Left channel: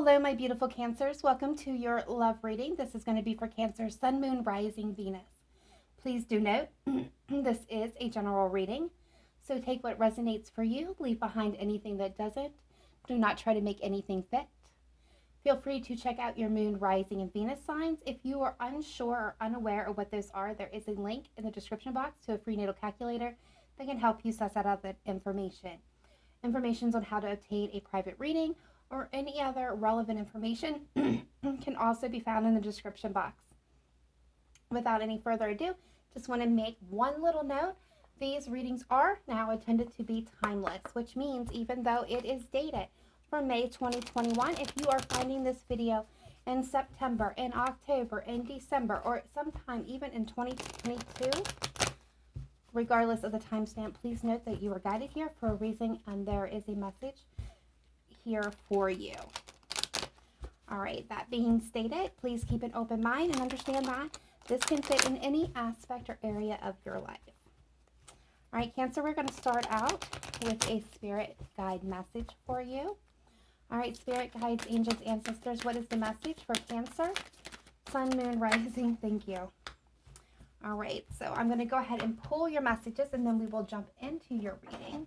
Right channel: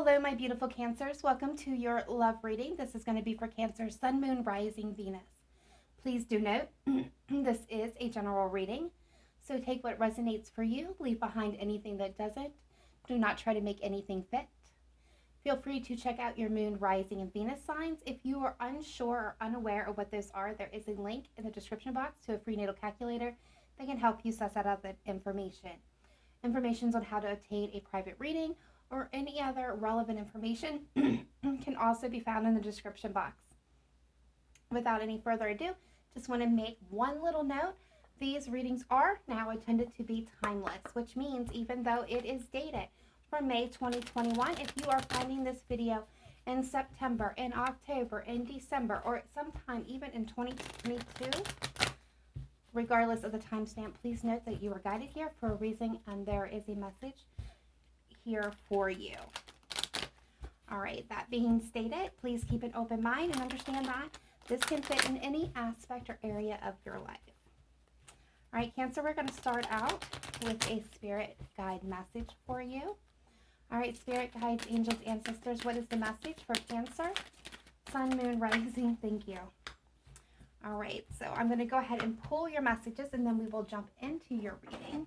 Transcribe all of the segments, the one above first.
Hello, my beautiful Cancers. Welcome to your love reading. This is going to be for Cancer, Sun, Moon, Rising, Venus. Please do note, this is a general reading, so take what resonates for you, leave behind anything that doesn't. Do not try to make anything fit. Feel free to check out your Moon, Rising, and Venus signs. If you are unsure or unaware of what those are, there is a link in the description box to a free natal calculator that can help you suss out that information. Information on how to obtain a private reading or any other relevant information can also be found in the description box. Without any further ado, just want to make one little note. These readings are now intended to be timeless, which means even though it is dated from May 2021, if you are finding this video in September, in October, in December, or sometime even in 2022, regardless of the timestamp, please note that you are guided here for a reason and there is a message here for you. All right, that being stated, please keep an open mind and understand that this can fit in any aspect or area of your life. All right, Cancer, we're going to start out with a spirit guide message for you. All right, spirit guides, angels, ancestors, what is the message for Cancer, Sun, Moon, Rising? Thank you. All right, so I'm going to go ahead and pull your messages and then we will jump into your reading.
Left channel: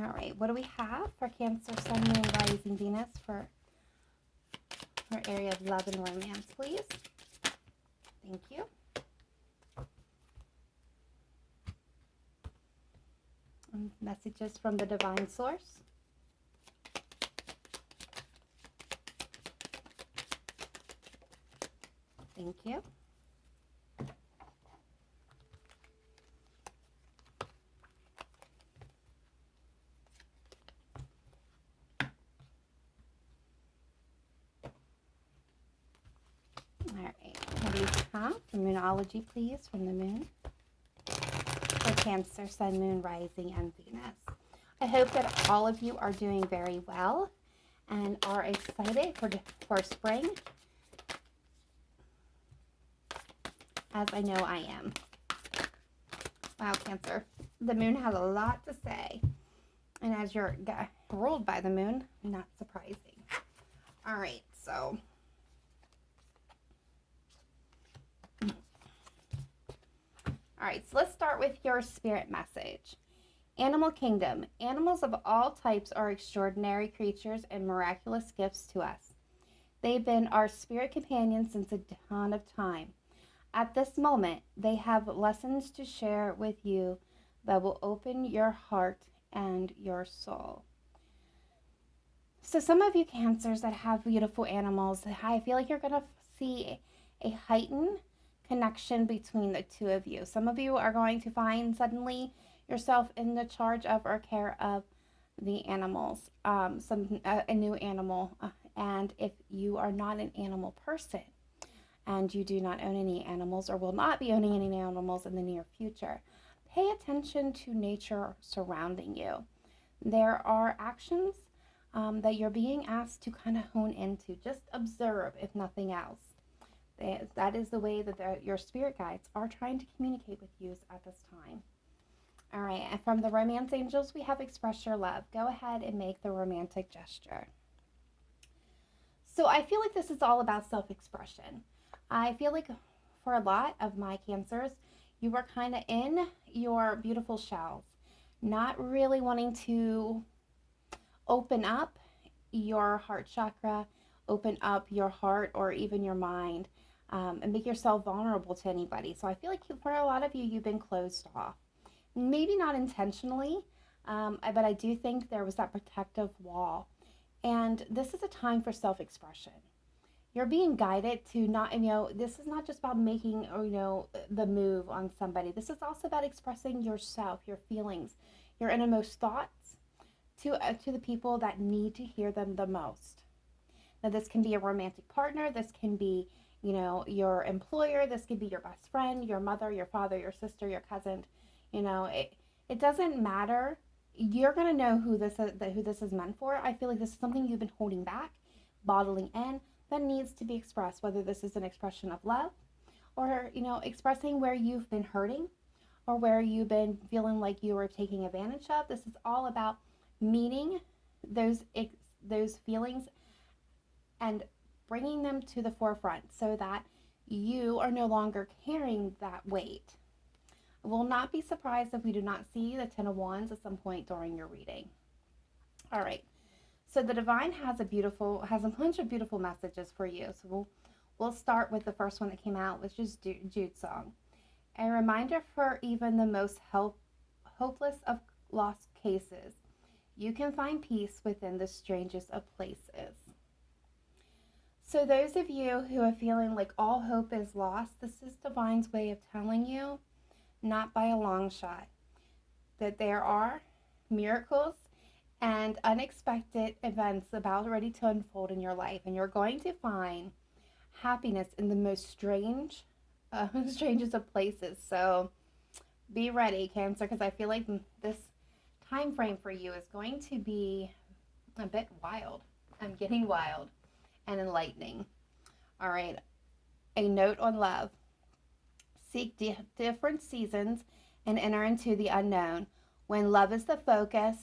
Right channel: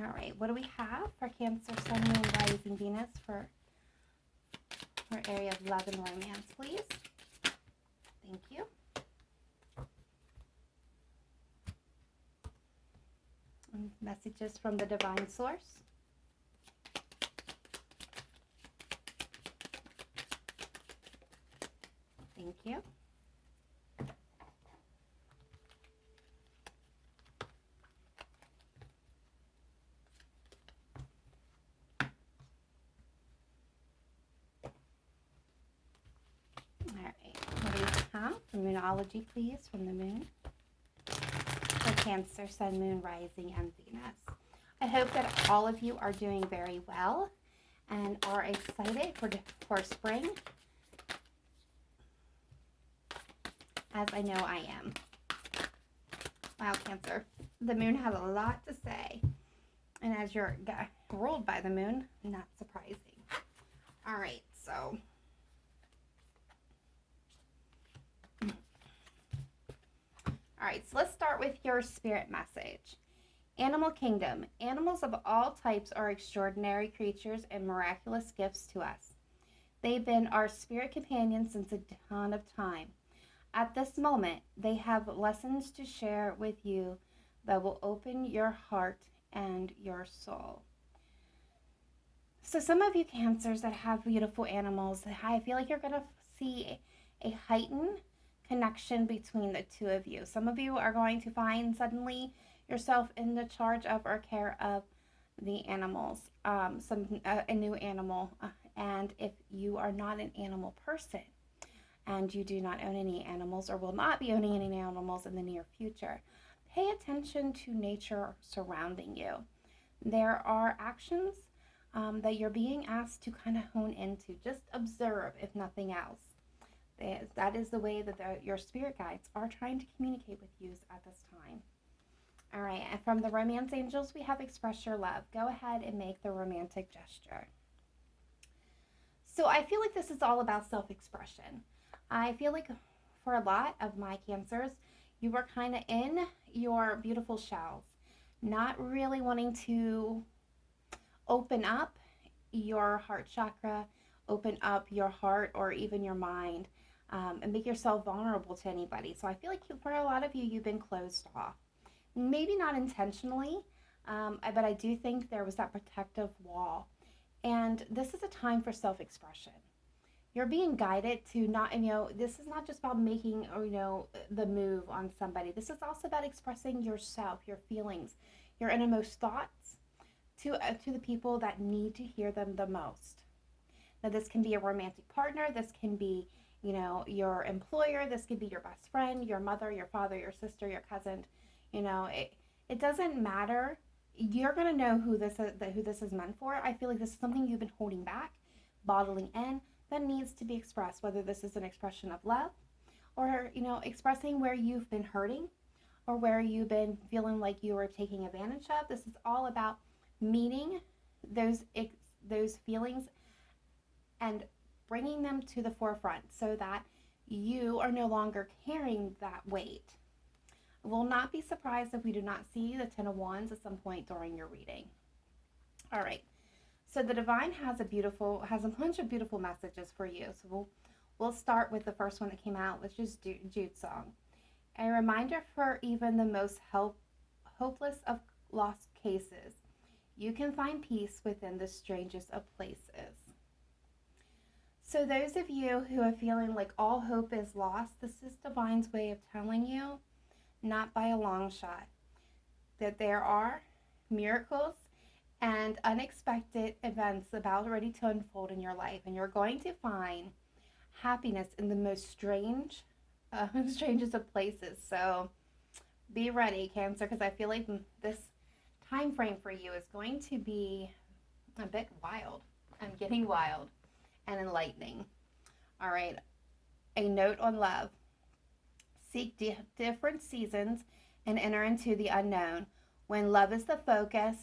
All right, what do we have for Cancer, Sun, Moon, Rising, Venus for your area of love and romance, please? Thank you. And messages from the divine source. Thank you. All right, what do you have for Moonology, please, from the moon? For Cancer, Sun, Moon, Rising, and Venus. I hope that all of you are doing very well and are excited for spring, as I know I am. Wow, Cancer. The moon has a lot to say. And as you're ruled by the moon, not surprising. All right, so all right, so let's start with your spirit message. Animal kingdom. Animals of all types are extraordinary creatures and miraculous gifts to us. They've been our spirit companions since the dawn of time. At this moment, they have lessons to share with you that will open your heart and your soul. So some of you Cancers that have beautiful animals, I feel like you're going to see a heightened connection between the two of you. Some of you are going to find suddenly yourself in the charge of or care of the animals, a new animal. And if you are not an animal person and you do not own any animals or will not be owning any animals in the near future, pay attention to nature surrounding you. There are actions that you're being asked to kind of hone into. Just observe, if nothing else. That is the way that your spirit guides are trying to communicate with you at this time. All right, and from the romance angels, we have express your love. Go ahead and make the romantic gesture. So I feel like this is all about self-expression. I feel like for a lot of my Cancers, you were kind of in your beautiful shells, not really wanting to open up your heart chakra, open up your heart or even your mind, and make yourself vulnerable to anybody. So I feel like for a lot of you, you've been closed off. Maybe not intentionally, but I do think there was that protective wall. And this is a time for self-expression. You're being guided to not, this is not just about making, the move on somebody. This is also about expressing yourself, your feelings, your innermost thoughts to the people that need to hear them the most. Now, this can be a romantic partner. This can be, your employer. This can be your best friend, your mother, your father, your sister, your cousin. It doesn't matter. You're going to know who this is meant for. I feel like this is something you've been holding back, bottling in, that needs to be expressed, whether this is an expression of love or, expressing where you've been hurting or where you've been feeling like you were taking advantage of. This is all about meeting those feelings and bringing them to the forefront so that you are no longer carrying that weight. Will not be surprised if we do not see the Ten of Wands at some point during your reading. All right. So the divine has a bunch of beautiful messages for you. So we'll start with the first one that came out, which is Jude's song. A reminder for even the most hopeless of lost cases. You can find peace within the strangest of places. So those of you who are feeling like all hope is lost, this is divine's way of telling you, not by a long shot, that there are miracles and unexpected events about ready to unfold in your life, and you're going to find happiness in the most strangest of places. So be ready, Cancer, because I feel like this time frame for you is going to be a bit wild. I'm getting wild and enlightening. All right, a note on love. Seek different seasons and enter into the unknown. When love is the focus,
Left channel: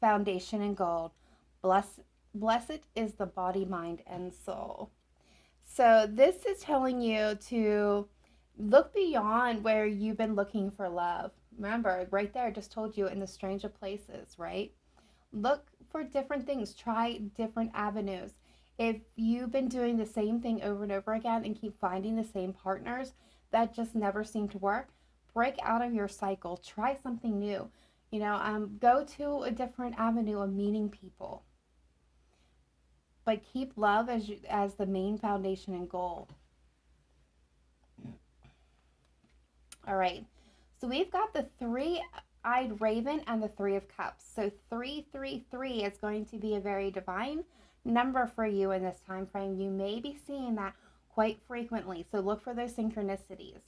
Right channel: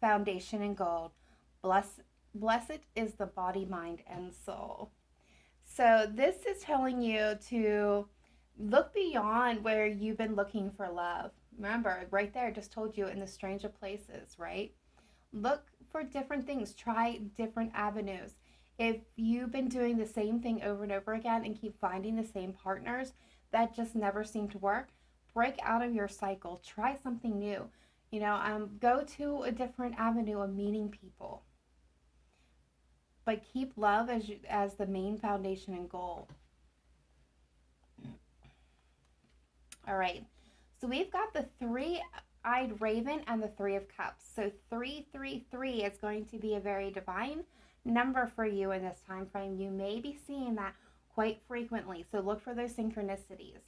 foundation, and goal, blessed is the body, mind, and soul. So this is telling you to look beyond where you've been looking for love. Remember, right there, I just told you, in the strange of places, right? Look for different things. Try different avenues. If you've been doing the same thing over and over again and keep finding the same partners that just never seem to work, break out of your cycle. Try something new. Go to a different avenue of meeting people. But keep love as the main foundation and goal. All right. So we've got the three-eyed raven and the Three of Cups. So 333 is going to be a very divine number for you in this time frame. You may be seeing that quite frequently, so look for those synchronicities.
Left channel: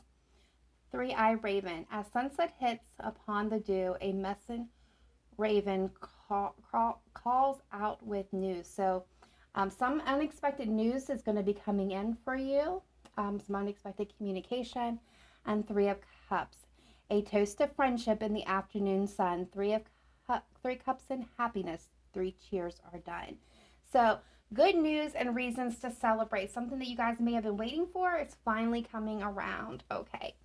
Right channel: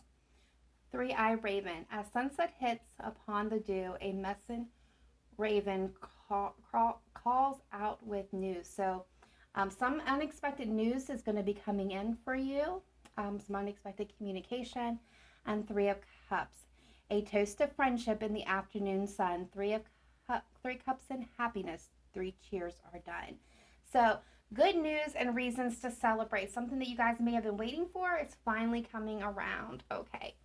Three-eyed raven. As sunset hits upon the dew, a messenger raven calls out with news. So some unexpected news is going to be coming in for you. Some unexpected communication. And Three of Cups. A toast of friendship in the afternoon sun. Three cups and happiness. 3 cheers are done. So good news and reasons to celebrate. Something that you guys may have been waiting for is finally coming around. Okay.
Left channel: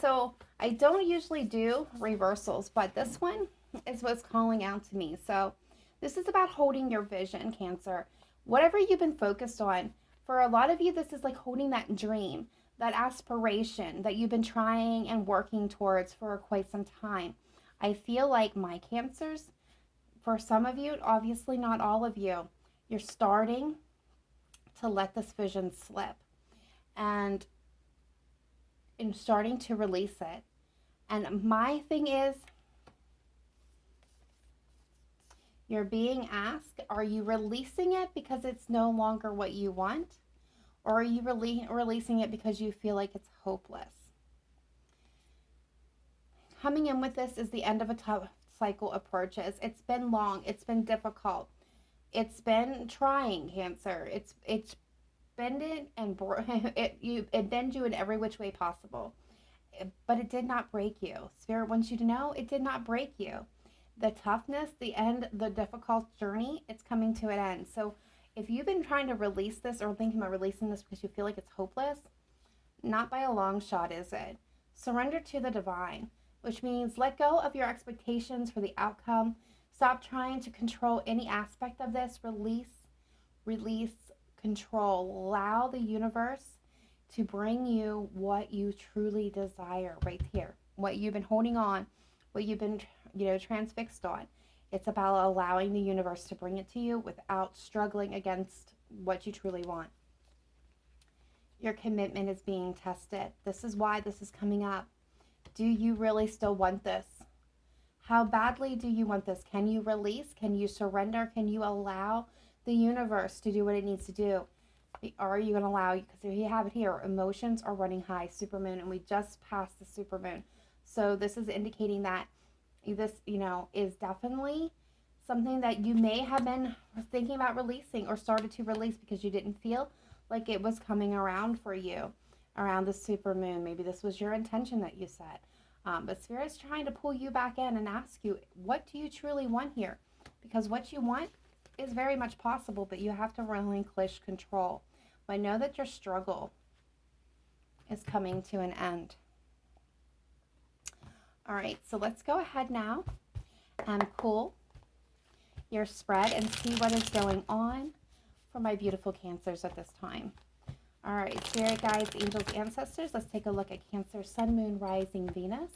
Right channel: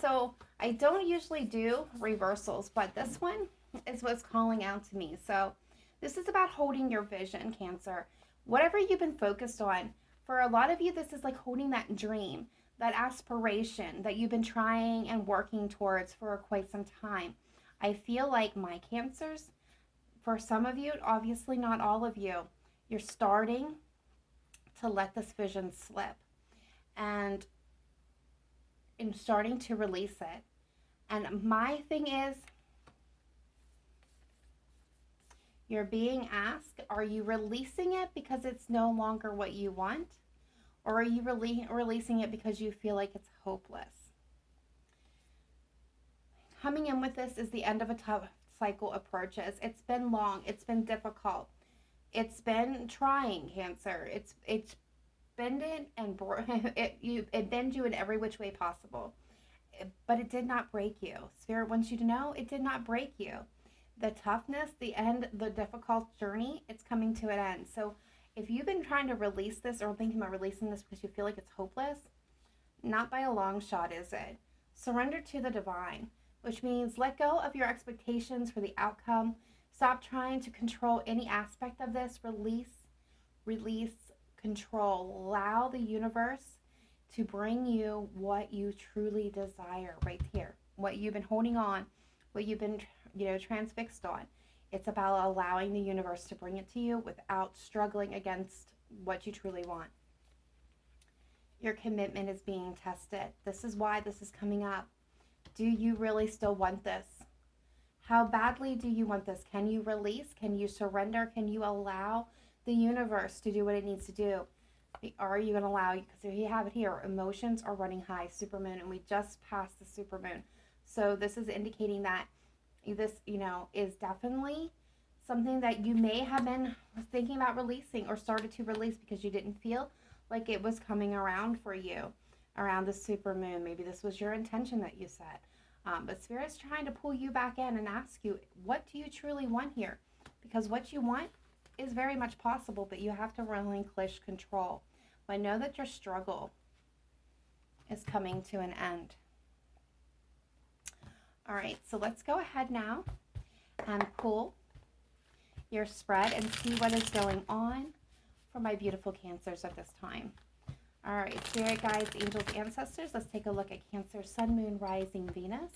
So I don't usually do reversals, but this one is what's calling out to me. So this is about holding your vision, Cancer. Whatever you've been focused on, for a lot of you, this is like holding that dream, that aspiration that you've been trying and working towards for quite some time. I feel like, my Cancers, for some of you, obviously not all of you, you're starting to let this vision slip and starting to release it. And my thing is, you're being asked, are you releasing it because it's no longer what you want? Or are you releasing it because you feel like it's hopeless? Coming in with this is the end of a tough cycle approaches. It's been long. It's been difficult. It's been trying, Cancer. It's bended and it bends you in every which way possible. But it did not break you. Spirit wants you to know it did not break you. The toughness, the end, the difficult journey, it's coming to an end. So if you've been trying to release this or thinking about releasing this because you feel like it's hopeless, not by a long shot is it. Surrender to the divine, which means let go of your expectations for the outcome. Stop trying to control any aspect of this. Release, control. Allow the universe to bring you what you truly desire right here. What you've been holding on, what you've been, transfixed on. It's about allowing the universe to bring it to you without struggling against what you truly want. Your commitment is being tested. This is why this is coming up. Do you really still want this? How badly do you want this? Can you release? Can you surrender? Can you allow the universe to do what it needs to do? Or are you going to allow, because if you have it here, emotions are running high, supermoon, and we just passed the supermoon. So this is indicating that this, is definitely something that you may have been thinking about releasing or started to release because you didn't feel like it was coming around for you around the supermoon. Maybe this was your intention that you set. But Spirit is trying to pull you back in and ask you, what do you truly want here? Because what you want is very much possible, but you have to relinquish control. But know that your struggle is coming to an end. All right, so let's go ahead now and pull your spread and see what is going on for my beautiful Cancers at this time. All right, Spirit guides, angels, ancestors. Let's take a look at Cancer, Sun, Moon, Rising, Venus.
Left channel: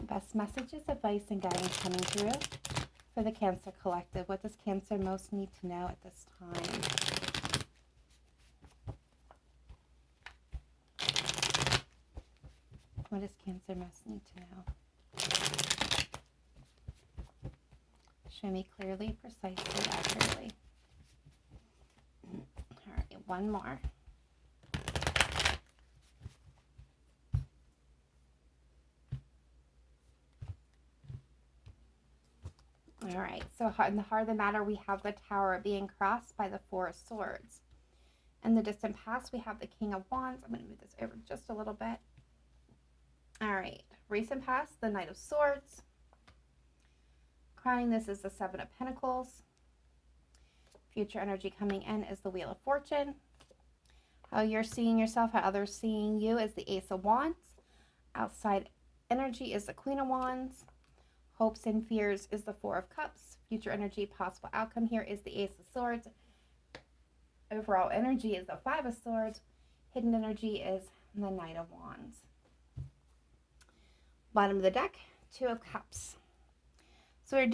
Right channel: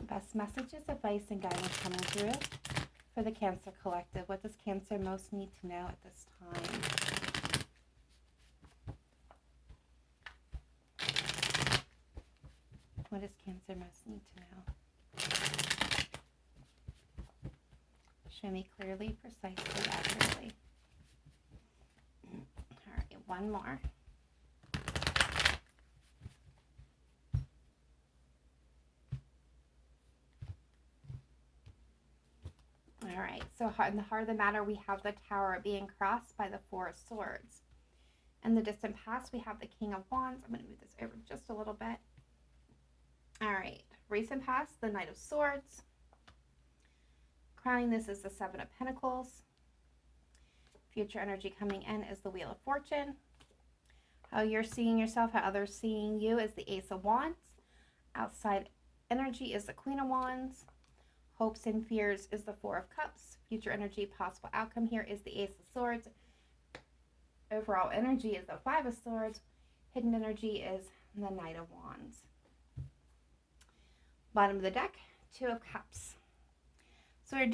Best messages, advice, and guidance coming through for the Cancer collective. What does Cancer most need to know at this time? What does Cancer most need to know? Show me clearly, precisely, accurately. All right, one more. All right, so in the heart of the matter, we have the Tower being crossed by the Four of Swords. In the distant past, we have the King of Wands. I'm going to move this over just a little bit. All right, recent past, the Knight of Swords. Crowning this is the Seven of Pentacles. Future energy coming in is the Wheel of Fortune. How you're seeing yourself, how others seeing you is the Ace of Wands. Outside energy is the Queen of Wands. Hopes and fears is the Four of Cups. Future energy, possible outcome here is the Ace of Swords. Overall energy is the Five of Swords. Hidden energy is the Knight of Wands. Bottom of the deck, Two of Cups. So we're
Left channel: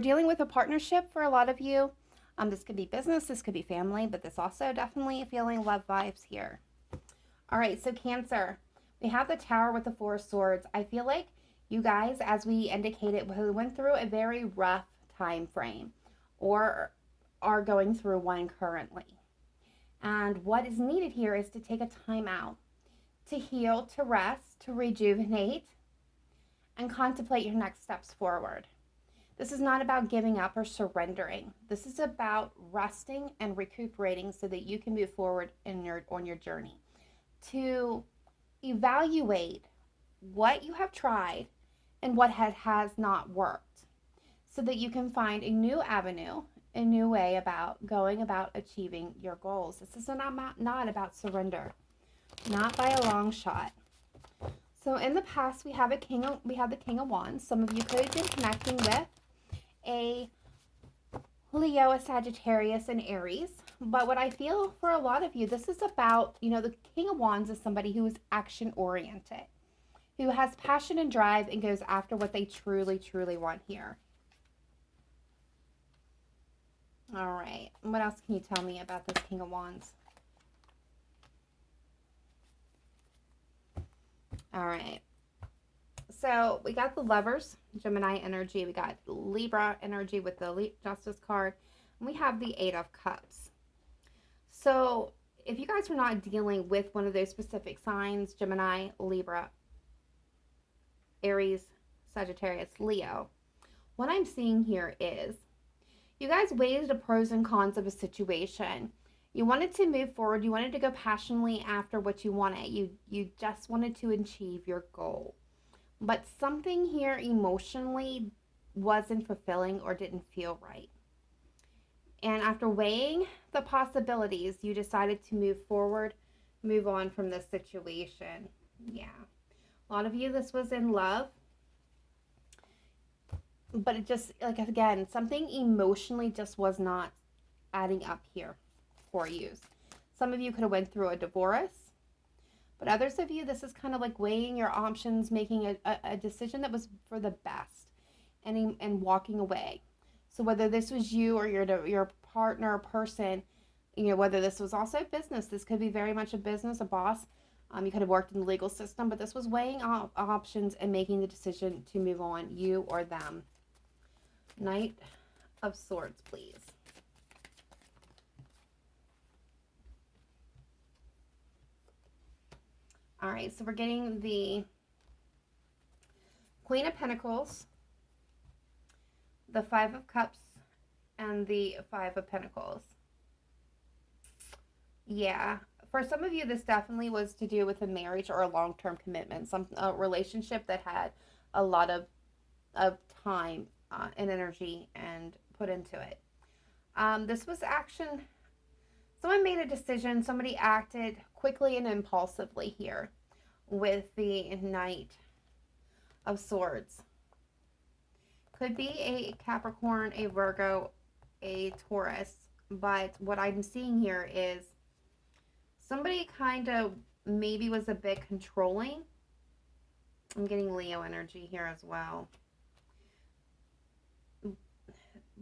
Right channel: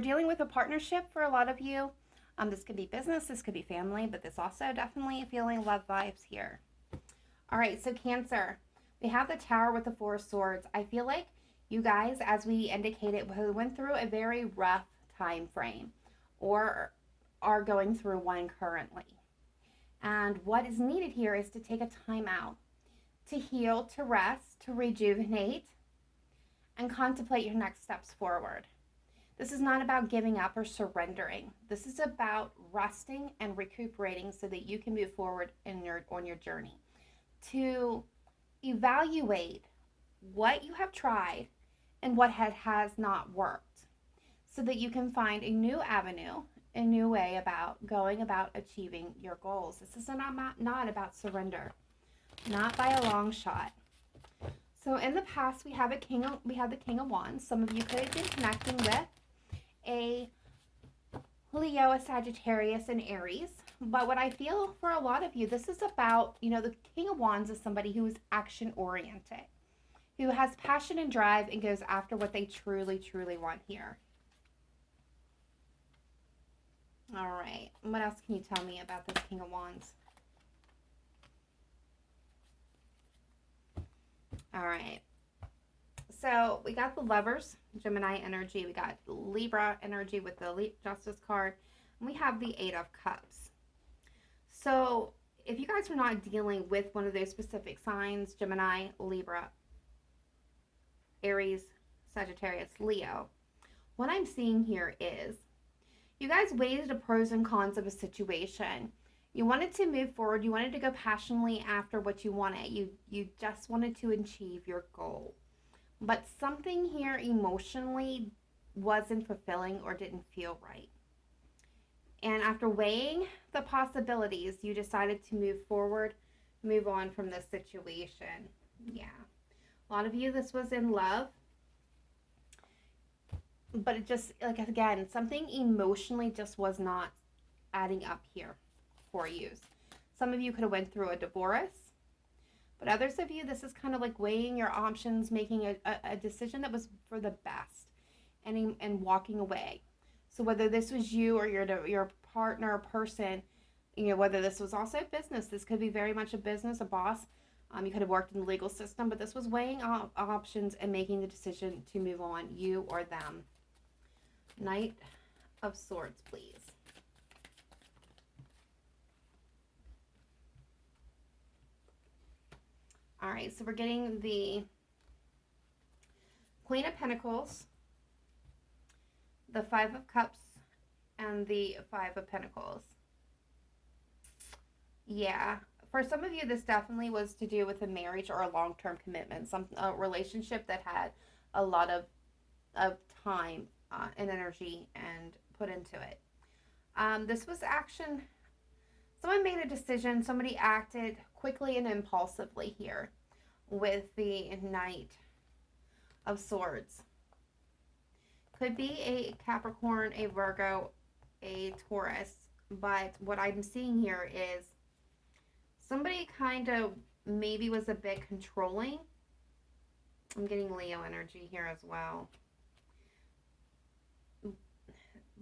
dealing with a partnership for a lot of you. This could be business, this could be family, but this also definitely feeling love vibes here. All right, so Cancer, we have the Tower with the Four of Swords. I feel like you guys, as we indicated, went through a very rough time frame or are going through one currently. And what is needed here is to take a time out, to heal, to rest, to rejuvenate, and contemplate your next steps forward. This is not about giving up or surrendering. This is about resting and recuperating so that you can move forward on your journey. To evaluate what you have tried and what has not worked so that you can find a new avenue, a new way about going about achieving your goals. This is not about surrender, not by a long shot. So in the past, we have the King of Wands. Some of you could have been connecting with a Leo, a Sagittarius, and Aries. But what I feel for a lot of you, this is about, the King of Wands is somebody who is action-oriented, who has passion and drive and goes after what they truly, truly want here. All right. What else can you tell me about this King of Wands? All right. So we got the Lovers, Gemini energy. We got Libra energy with the Justice card. And we have the Eight of Cups. So if you guys are not dealing with one of those specific signs, Gemini, Libra, Aries, Sagittarius, Leo, what I'm seeing here is you guys weighed the pros and cons of a situation. You wanted to move forward. You wanted to go passionately after what you wanted. You just wanted to achieve your goal. But something here emotionally wasn't fulfilling or didn't feel right. And after weighing the possibilities, you decided to move forward, move on from this situation. Yeah. A lot of you, this was in love. But it just, again, something emotionally just was not adding up here for you. Some of you could have went through a divorce. But others of you, this is kind of like weighing your options, making a decision that was for the best and walking away. So whether this was you or your partner or person, whether this was also business, this could be very much a business, a boss. You could have worked in the legal system, but this was weighing options and making the decision to move on, you or them. Knight of Swords, please. All right, so we're getting the Queen of Pentacles, the Five of Cups, and the Five of Pentacles. Yeah, for some of you, this definitely was to do with a marriage or a long-term commitment, some a relationship that had a lot of time and energy and put into it. This was action. Someone made a decision. Somebody acted quickly and impulsively here with the Knight of Swords. Could be a Capricorn, a Virgo, a Taurus, but what I'm seeing here is somebody kind of maybe was a bit controlling. I'm getting Leo energy here as well.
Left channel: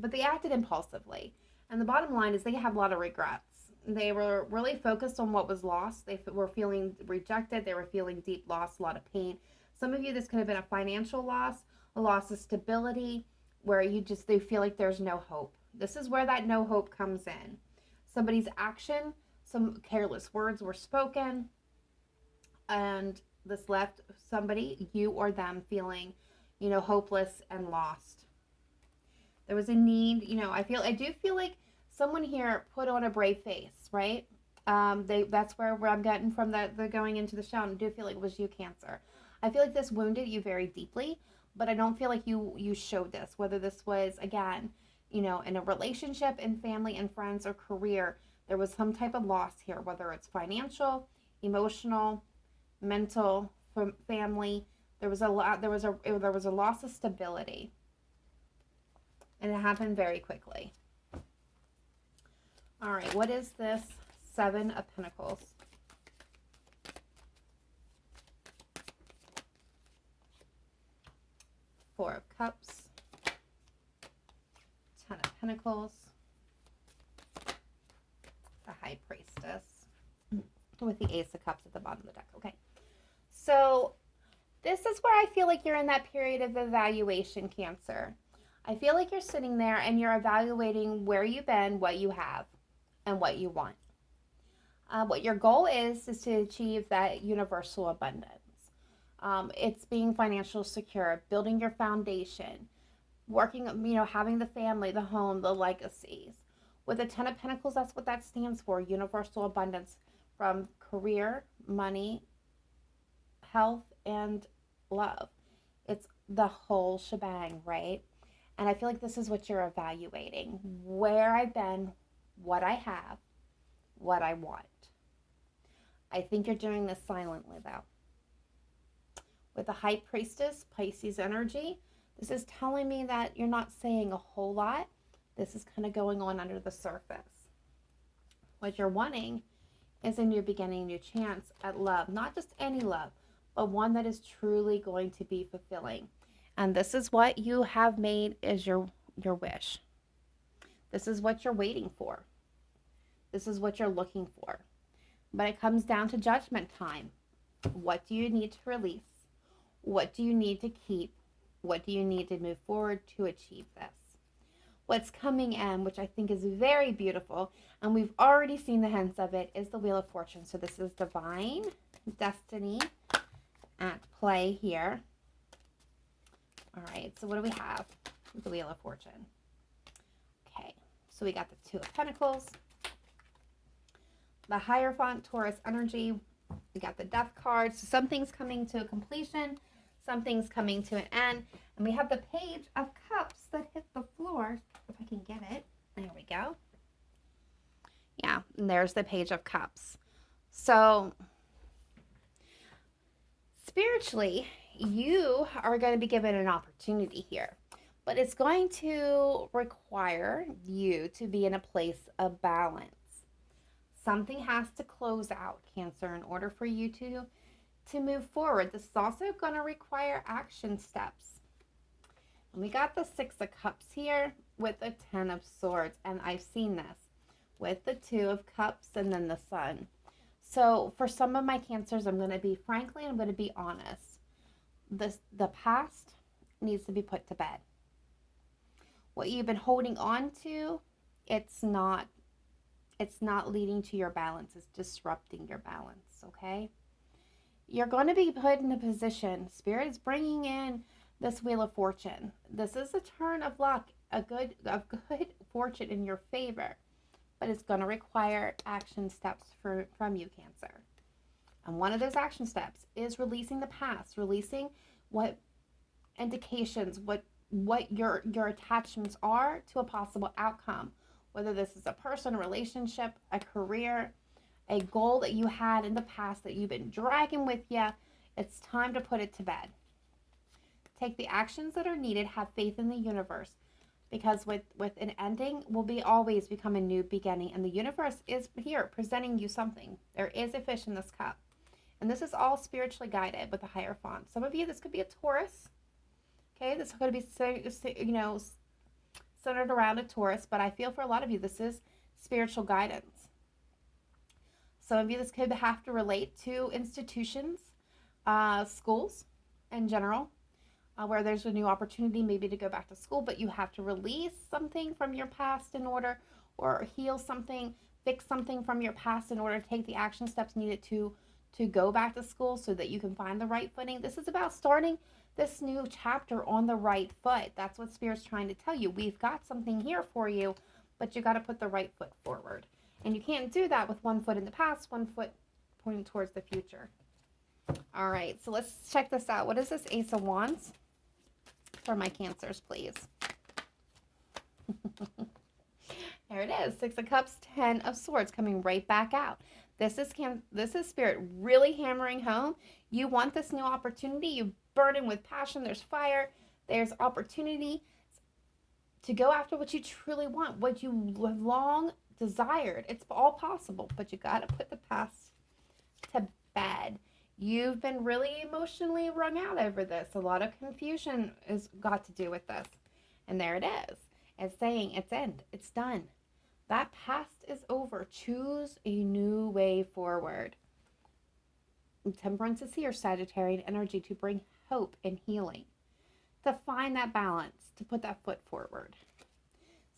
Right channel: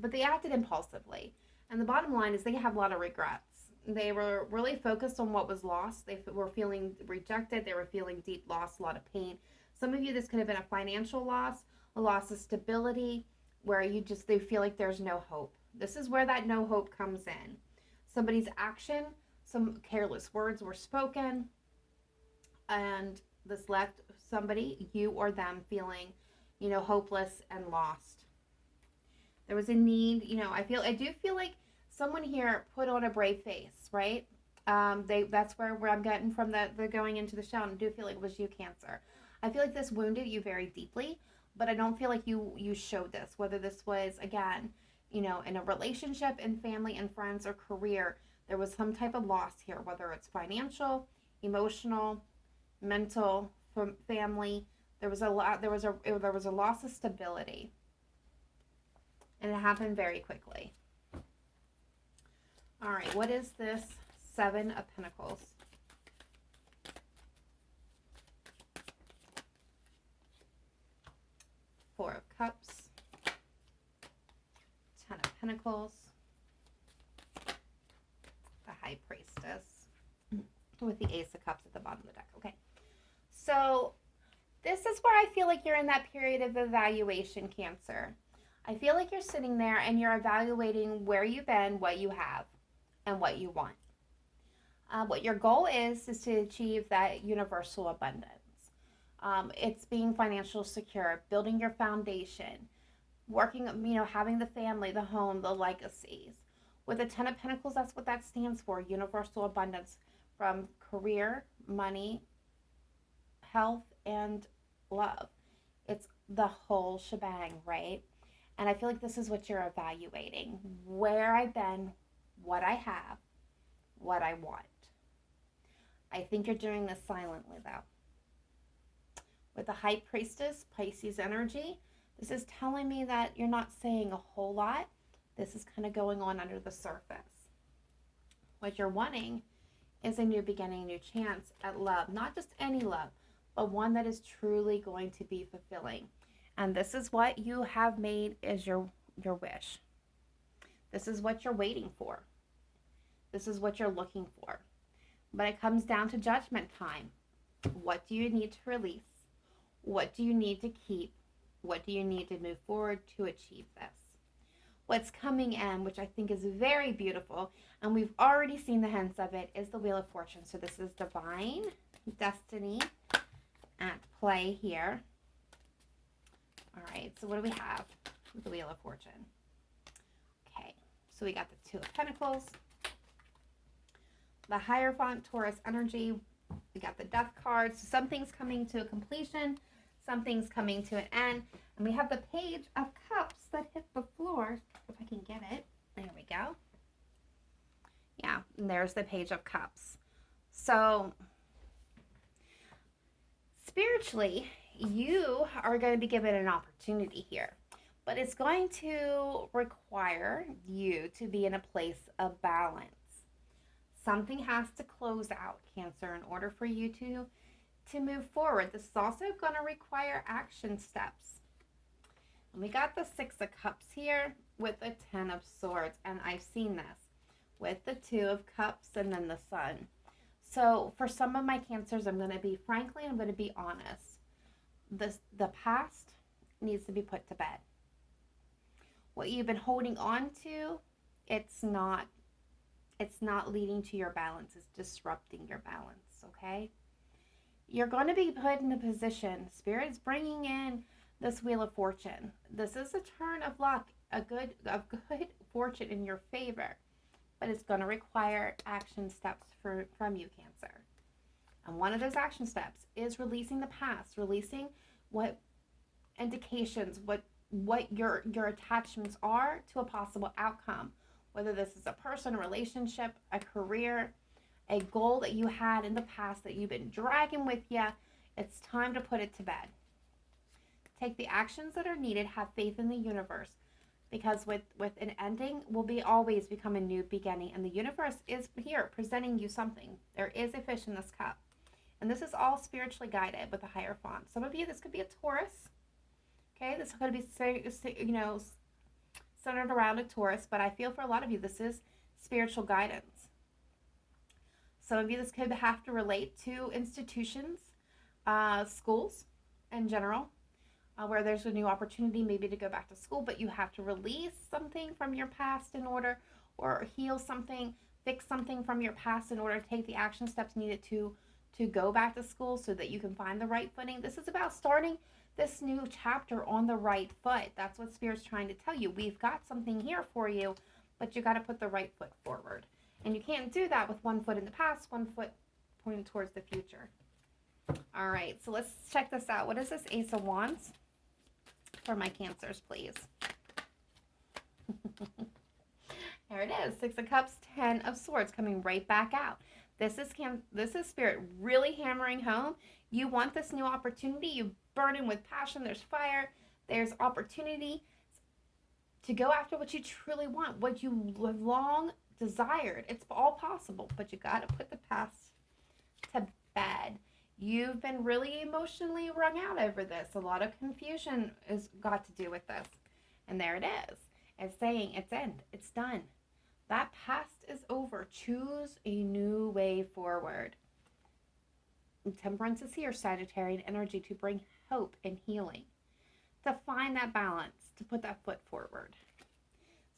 But they acted impulsively. And the bottom line is they have a lot of regrets. They were really focused on what was lost. They were feeling rejected. They were feeling deep loss, a lot of pain. Some of you, this could have been a financial loss, a loss of stability, where they feel like there's no hope. This is where that no hope comes in. Somebody's action, some careless words were spoken, and this left somebody, you or them, feeling, hopeless and lost. There was a need, I do feel like someone here put on a brave face, right? That's where I'm getting from the going into the show. And I do feel like it was you, Cancer. I feel like this wounded you very deeply, but I don't feel like you showed this, whether this was, again, in a relationship, in family and friends, or career. There was some type of loss here, whether it's financial, emotional, mental, from family. There was a loss of stability, and it happened very quickly. All right, what is this Seven of Pentacles? Four of Cups, Ten of Pentacles, the High Priestess, with the Ace of Cups at the bottom of the deck. Okay, so this is where I feel like you're in that period of evaluation, Cancer. I feel like you're sitting there and you're evaluating where you've been, what you have, and what you want. What your goal is to achieve that universal abundance. It's being financially secure, building your foundation, working, having the family, the home, the legacies. With the Ten of Pentacles, that's what that stands for, universal abundance, from career, money, health, and love. It's the whole shebang, right? And I feel like this is what you're evaluating. Where I've been, what I have, what I want. I think you're doing this silently, though. With the High Priestess, Pisces energy, this is telling me that you're not saying a whole lot. This is kind of going on under the surface. What you're wanting is a new beginning, new chance at love. Not just any love, but one that is truly going to be fulfilling. And this is what you have made is your wish. This is what you're waiting for. This is what you're looking for. But it comes down to judgment time. What do you need to release? What do you need to keep? What do you need to move forward to achieve this? What's coming in, which I think is very beautiful, and we've already seen the hints of it, is the Wheel of Fortune. So this is divine destiny at play here. All right, so what do we have with the Wheel of Fortune? Okay, so we got the Two of Pentacles, the Hierophant, Taurus energy. We got the Death card. So something's coming to a completion, something's coming to an end, and we have the Page of Cups that hit the floor. If I can get it, there we go. Yeah, and there's the Page of Cups. So spiritually, you are going to be given an opportunity here, but it's going to require you to be in a place of balance. Something has to close out, Cancer, in order for you to move forward. This is also going to require action steps. And we got the Six of Cups here with the Ten of Swords, and I've seen this with the Two of Cups and then the Sun. So for some of my Cancers, I'm going to be honest. The past needs to be put to bed. What you've been holding on to, it's not leading to your balance. It's disrupting your balance, okay? You're going to be put in a position. Spirit's bringing in this Wheel of Fortune. This is a turn of luck, a good fortune in your favor. but it's going to require action steps from you, Cancer. And one of those action steps is releasing the past, releasing what indications, what your attachments are to a possible outcome, whether this is a person, a relationship, a career, a goal that you had in the past that you've been dragging with you. It's time to put it to bed. Take the actions that are needed, have faith in the universe, because with an ending will be always become a new beginning, and the universe is here presenting you something. There is a fish in this cup, and this is all spiritually guided with a higher font. Some of you, this could be a Taurus. Okay, this could be, centered around a Taurus, but I feel for a lot of you, this is spiritual guidance. Some of you, this could have to relate to institutions, schools in general, where there's a new opportunity maybe to go back to school, but you have to release something from your past in order, or heal something, fix something from your past in order to take the action steps needed to go back to school so that you can find the right footing. This is about starting this new chapter on the right foot. That's what Spirit's trying to tell you. We've got something here for you, but you got to put the right foot forward. And you can't do that with one foot in the past, one foot pointing towards the future. All right, so let's check this out. What is this Ace of Wands for my Cancers, please? There it is. 6 of Cups, 10 of Swords coming right back out. This is Spirit really hammering home. You want this new opportunity. You burning with passion. There's fire. There's opportunity to go after what you truly want, what you long desired. It's all possible, but you got to put the past to bed. You've been really emotionally wrung out over this. A lot of confusion has got to do with this. And there it is. It's saying it's end. It's done. That past is over. Choose a new way forward. Temperance is here, Sagittarian energy, to bring hope and healing, to find that balance, to put that foot forward.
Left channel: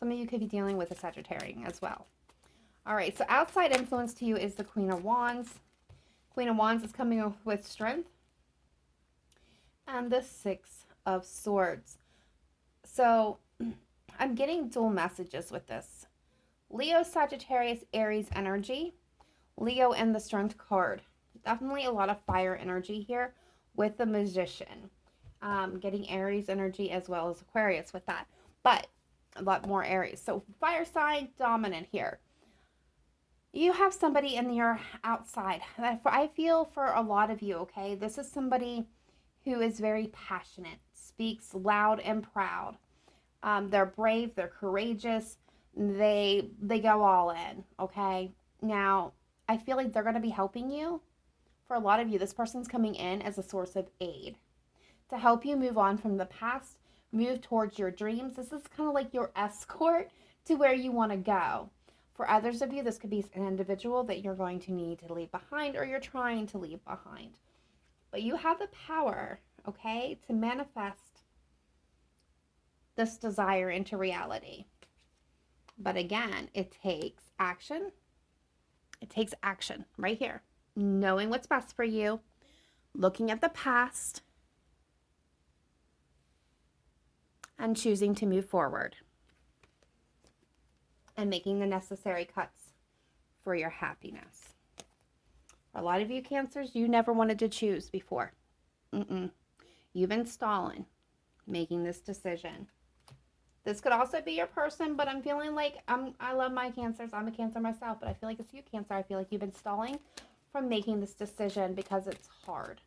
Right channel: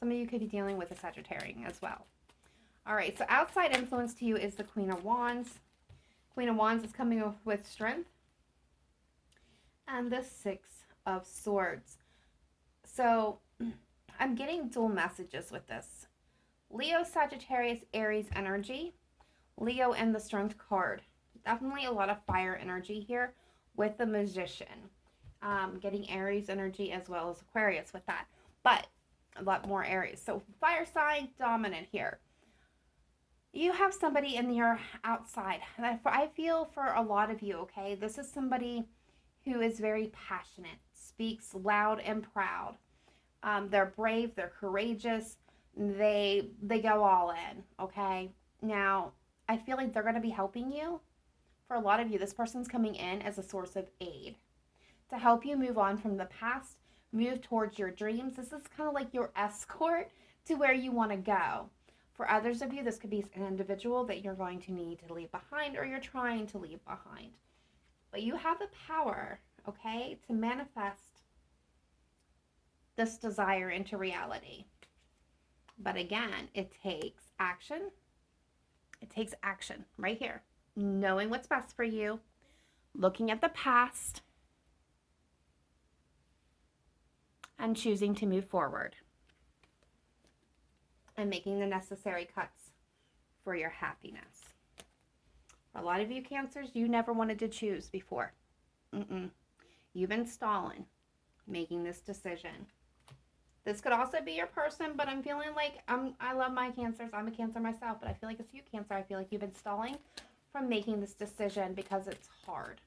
Some of you could be dealing with a Sagittarian as well. All right, so outside influence to you is the Queen of Wands. Queen of Wands is coming with strength. And the 6 of Swords. So I'm getting dual messages with this. Leo, Sagittarius, Aries energy. Leo and the Strength card. Definitely a lot of fire energy here with the Magician. Getting Aries energy as well as Aquarius with that. But a lot more Aries. So fire sign dominant here. You have somebody in your outside. I feel for a lot of you, okay? This is somebody who is very passionate, speaks loud and proud. They're brave, they're courageous. They go all in, okay? Now, I feel like they're going to be helping you. For a lot of you, this person's coming in as a source of aid to help you move on from the past, move towards your dreams. This is kind of like your escort to where you want to go. For others of you, this could be an individual that you're going to need to leave behind, or you're trying to leave behind. But you have the power, okay, to manifest this desire into reality. But again, it takes action. It takes action right here. Knowing what's best for you, looking at the past, and choosing to move forward. And making the necessary cuts for your happiness. For a lot of you Cancers, you never wanted to choose before. You've been stalling, making this decision. This could also be your person, but I'm feeling like I love my Cancers. I'm a Cancer myself, but I feel like it's you, Cancer. I feel like you've been stalling from making this decision because it's hard.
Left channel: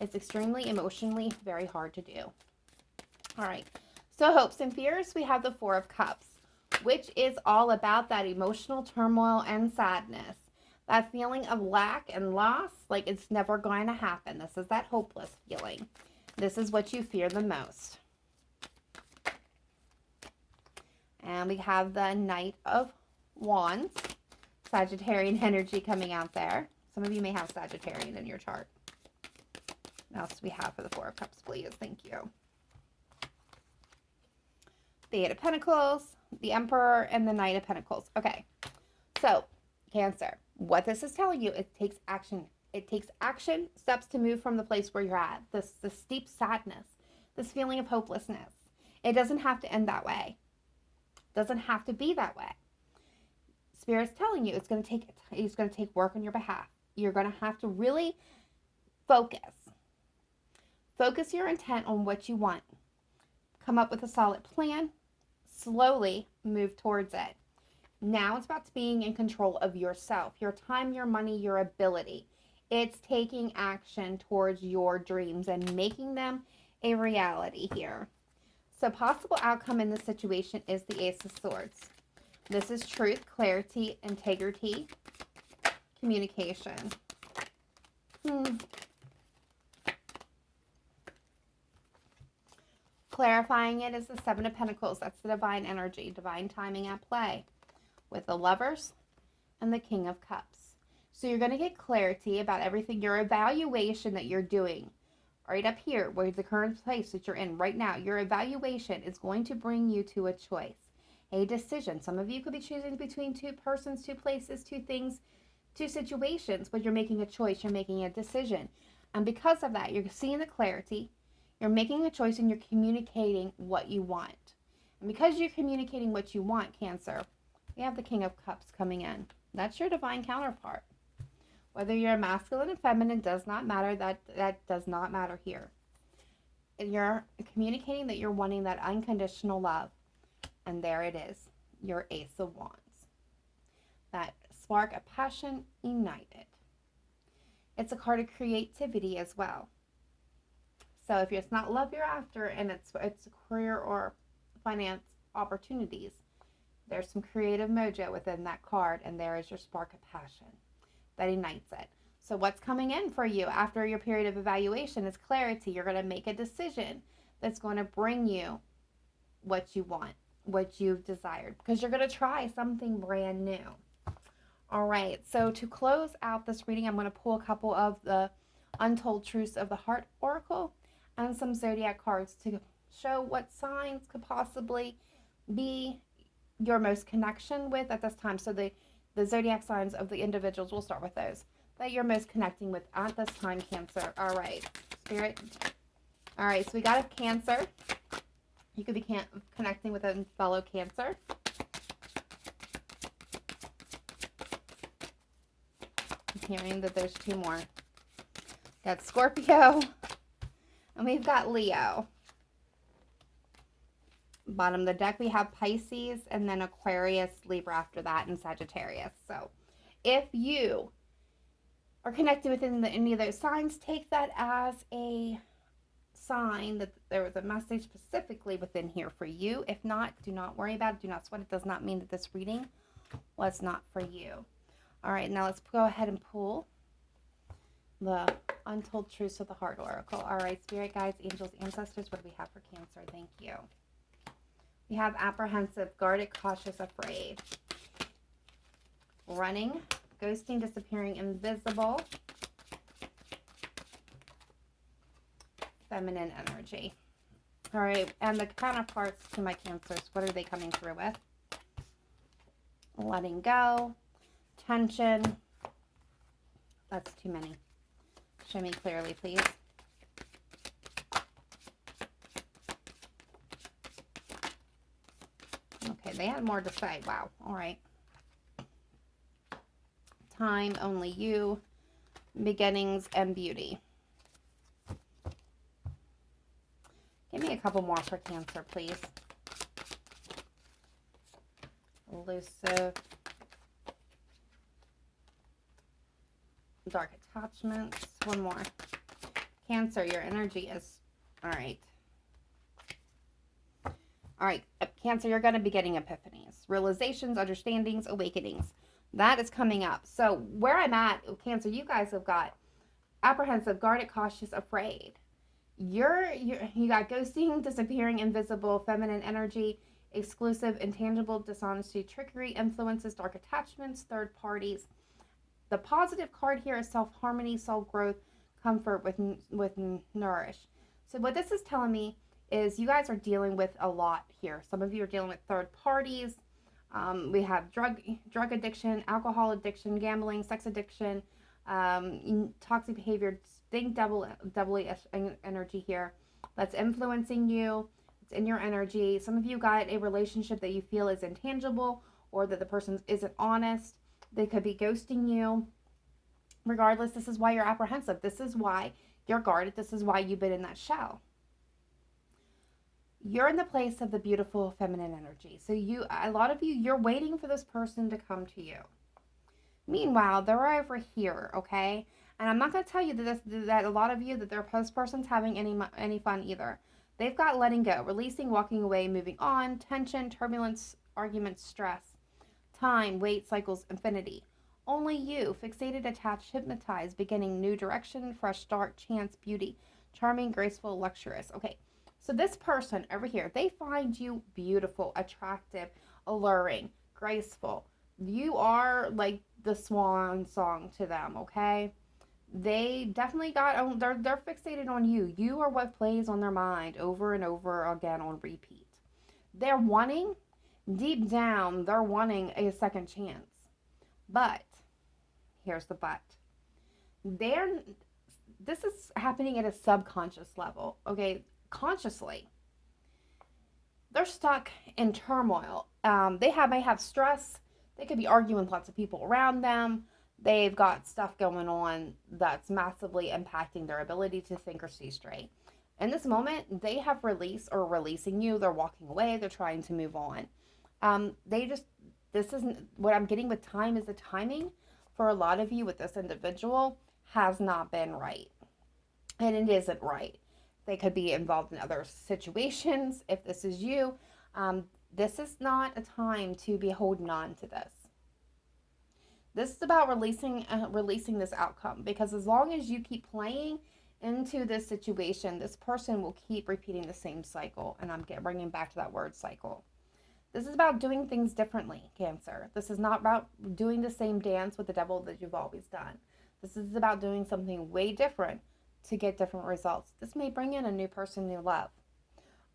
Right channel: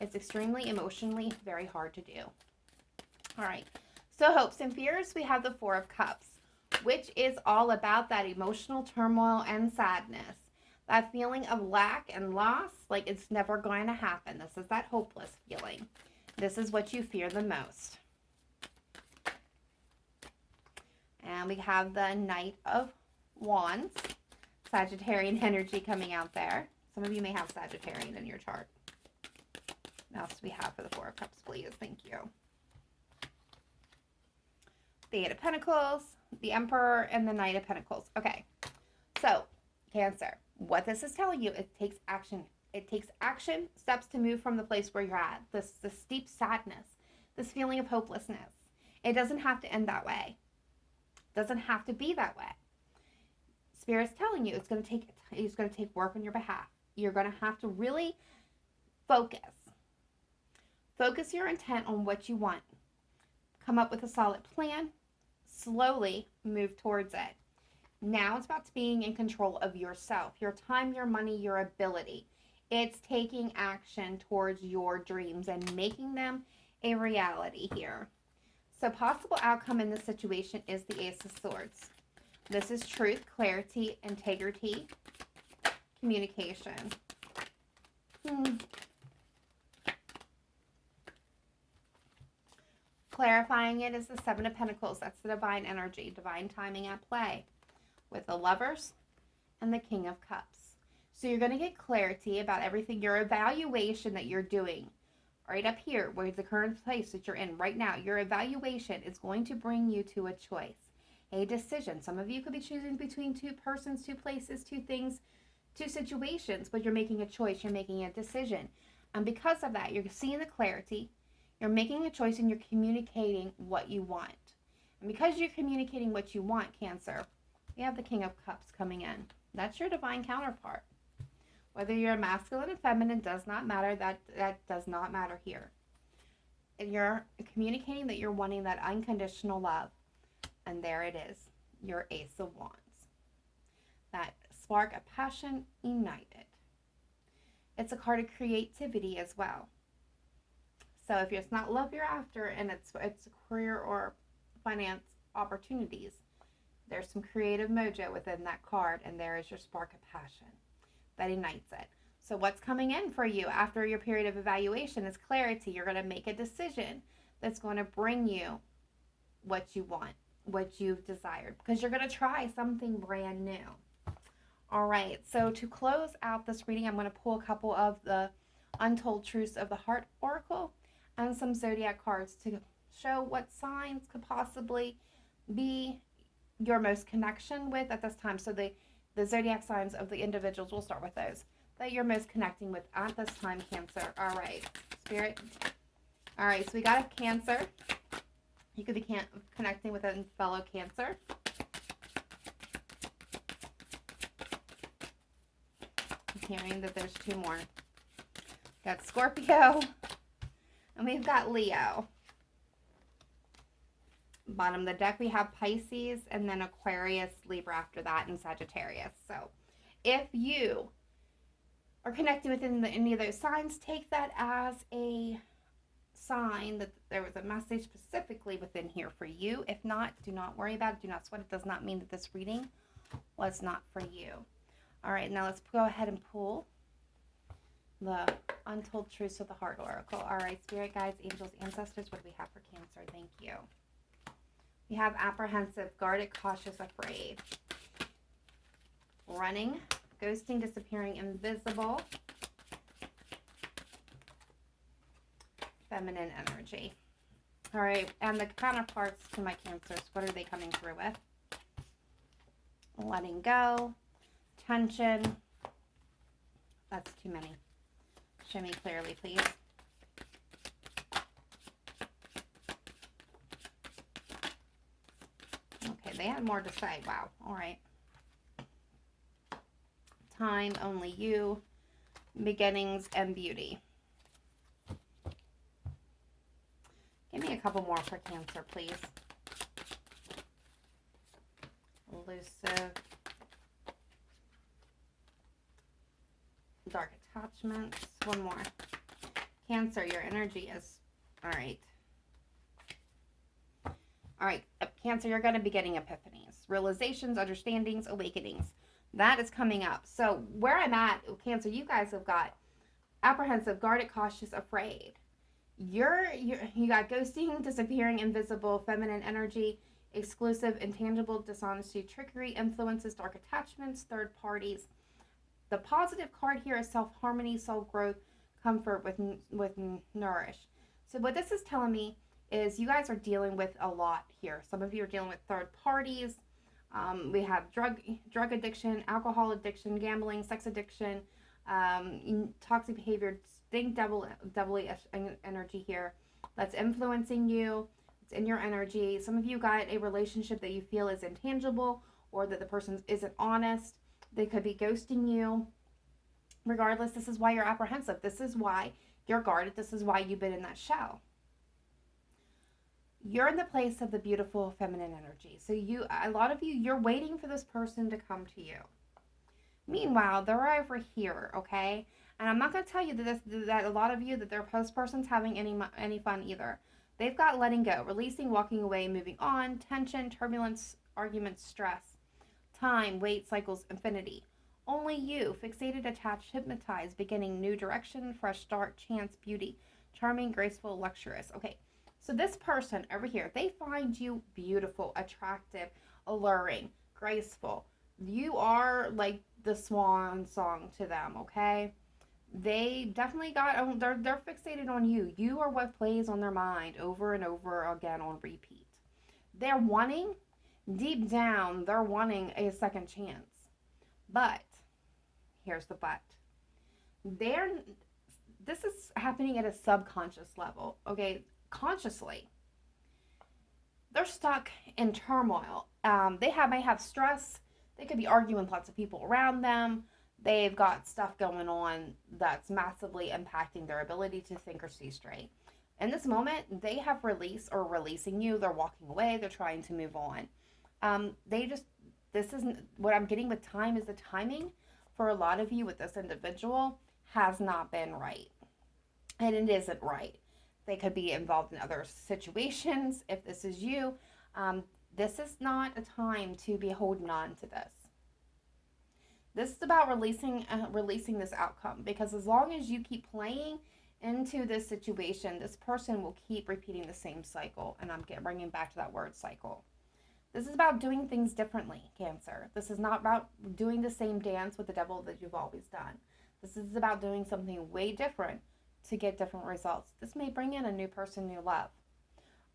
It's extremely emotionally very hard to do. All right. So hopes and fears, we have the 4 of Cups, which is all about that emotional turmoil and sadness. That feeling of lack and loss, like it's never going to happen. This is that hopeless feeling. This is what you fear the most. And we have the Knight of Wands, Sagittarian energy coming out there. Some of you may have Sagittarian in your chart. What else do we have for the 4 of Cups, please? Thank you. The 8 of Pentacles, the Emperor, and the Knight of Pentacles. Okay, so Cancer, what this is telling you, it takes action. It takes action steps to move from the place where you're at. This deep sadness, this feeling of hopelessness. It doesn't have to end that way. It doesn't have to be that way. Spirit's telling you it's going to take work on your behalf. You're going to have to really focus. Focus your intent on what you want. Come up with a solid plan. Slowly move towards it. Now it's about being in control of yourself, your time, your money, your ability. It's taking action towards your dreams and making them a reality here. So possible outcome in this situation is the Ace of Swords. This is truth, clarity, integrity, communication. Clarifying it is the Seven of Pentacles. That's the divine energy, divine timing at play with the Lovers and the King of Cups. So you're going to get clarity about everything, your evaluation that you're doing right up here, where's the current place that you're in right now. Your evaluation is going to bring you to a choice, a decision. Some of you could be choosing between two persons, two places, two things, two situations, but you're making a choice, you're making a decision. And because of that, you're seeing the clarity, you're making a choice, and you're communicating what you want. And because you're communicating what you want, Cancer, we have the King of Cups coming in. That's your divine counterpart. Whether you're masculine and feminine does not matter. That does not matter here. And you're communicating that you're wanting that unconditional love. And there it is, your Ace of Wands. That spark of passion ignited. It's a card of creativity as well. So if it's not love you're after, and it's career or finance opportunities, there's some creative mojo within that card, and there is your spark of passion that ignites it. So what's coming in for you after your period of evaluation is clarity. You're going to make a decision that's going to bring you what you want, what you've desired, because you're going to try something brand new. All right, so to close out this reading, I'm going to pull a couple of the Untold Truths of the Heart Oracle and some zodiac cards to show what signs could possibly be your most connection with at this time. So the zodiac signs of the individuals, we'll start with those that you're most connecting with at this time, Cancer. All right, Spirit. All right, so we got a Cancer. You could be connecting with a fellow Cancer. I'm hearing that there's two more. Got Scorpio, and we've got Leo. Bottom of the deck, we have Pisces, and then Aquarius, Libra after that, and Sagittarius. So if you are connected within any of those signs, take that as a sign that there was a message specifically within here for you. If not, do not worry about it. Do not sweat. It does not mean that this reading was not for you. All right, now let's go ahead and pull the Untold Truths of the Heart Oracle. All right, Spirit Guides, Angels, Ancestors, what do we have for Cancer? Thank you. We have apprehensive, guarded, cautious, afraid. Running, ghosting, disappearing, invisible. Feminine energy. All right, and the counterparts to my Cancers, what are they coming through with? Letting go, tension. That's too many. Show me clearly, please. Okay, they had more to say. Wow. All right. Time, only you, beginnings, and beauty. Give me a couple more for Cancer, please. Elusive. Dark attachments. One more. Cancer, your energy is... All right. All right, Cancer, you're going to be getting epiphanies, realizations, understandings, awakenings. That is coming up. So where I'm at, Cancer, you guys have got apprehensive, guarded, cautious, afraid. You got ghosting, disappearing, invisible, feminine energy, exclusive, intangible, dishonesty, trickery, influences, dark attachments, third parties. The positive card here is self-harmony, self-growth, comfort with nourish. So what this is telling me is you guys are dealing with a lot here. Some of you are dealing with third parties. We have drug addiction, alcohol addiction, gambling, sex addiction, toxic behavior, think doubly energy here that's influencing you. It's in your energy. Some of you got a relationship that you feel is intangible or that the person isn't honest. They could be ghosting you. Regardless, this is why you're apprehensive. This is why you're guarded. This is why you've been in that shell. You're in the place of the beautiful feminine energy. So a lot of you, you're waiting for this person to come to you. Meanwhile, they're over here, okay? And I'm not going to tell you that a lot of you, that this person's having any fun either. They've got letting go, releasing, walking away, moving on, tension, turbulence, arguments, stress, time, wait, cycles, infinity. Only you, fixated, attached, hypnotized, beginning, new direction, fresh start, chance, beauty, charming, graceful, luxurious. Okay, so this person over here, they find you beautiful, attractive, alluring, graceful. You are like the swan song to them, okay? They definitely they're fixated on you. You are what plays on their mind over and over again on repeat. They're wanting, deep down, they're wanting a second chance. But here's the but. This is happening at a subconscious level, okay? Consciously, they're stuck in turmoil. May have stress. They could be arguing with lots of people around them. They've got stuff going on that's massively impacting their ability to think or see straight. In this moment, they have releasing you. They're walking away. They're trying to move on. This isn't what I'm getting with time, is the timing for a lot of you with this individual has not been right. And it isn't right. They could be involved in other situations. If this is you, this is not a time to be holding on to this. This is about releasing this outcome, because as long as you keep playing into this situation, this person will keep repeating the same cycle. And I'm bringing back to that word cycle. This is about doing things differently, Cancer. This is not about doing the same dance with the devil that you've always done. This is about doing something way different to get different results. This may bring in a new person, new love.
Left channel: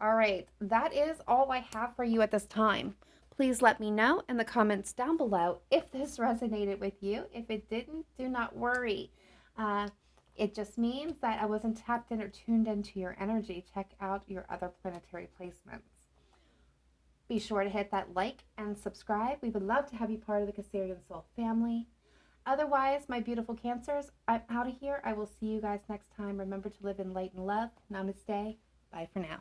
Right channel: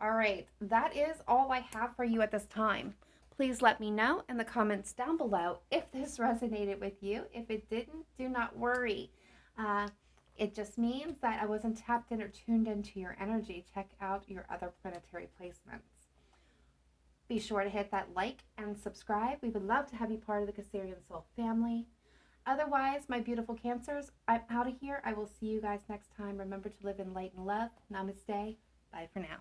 All right, that is all I have for you at this time. Please let me know in the comments down below if this resonated with you. If it didn't, do not worry. It just means that I wasn't tapped in or tuned into your energy. Check out your other planetary placements. Be sure to hit that like and subscribe. We would love to have you part of the Cancerian Soul family. Otherwise, my beautiful Cancers, I'm out of here. I will see you guys next time. Remember to live in light and love. Namaste. Bye for now.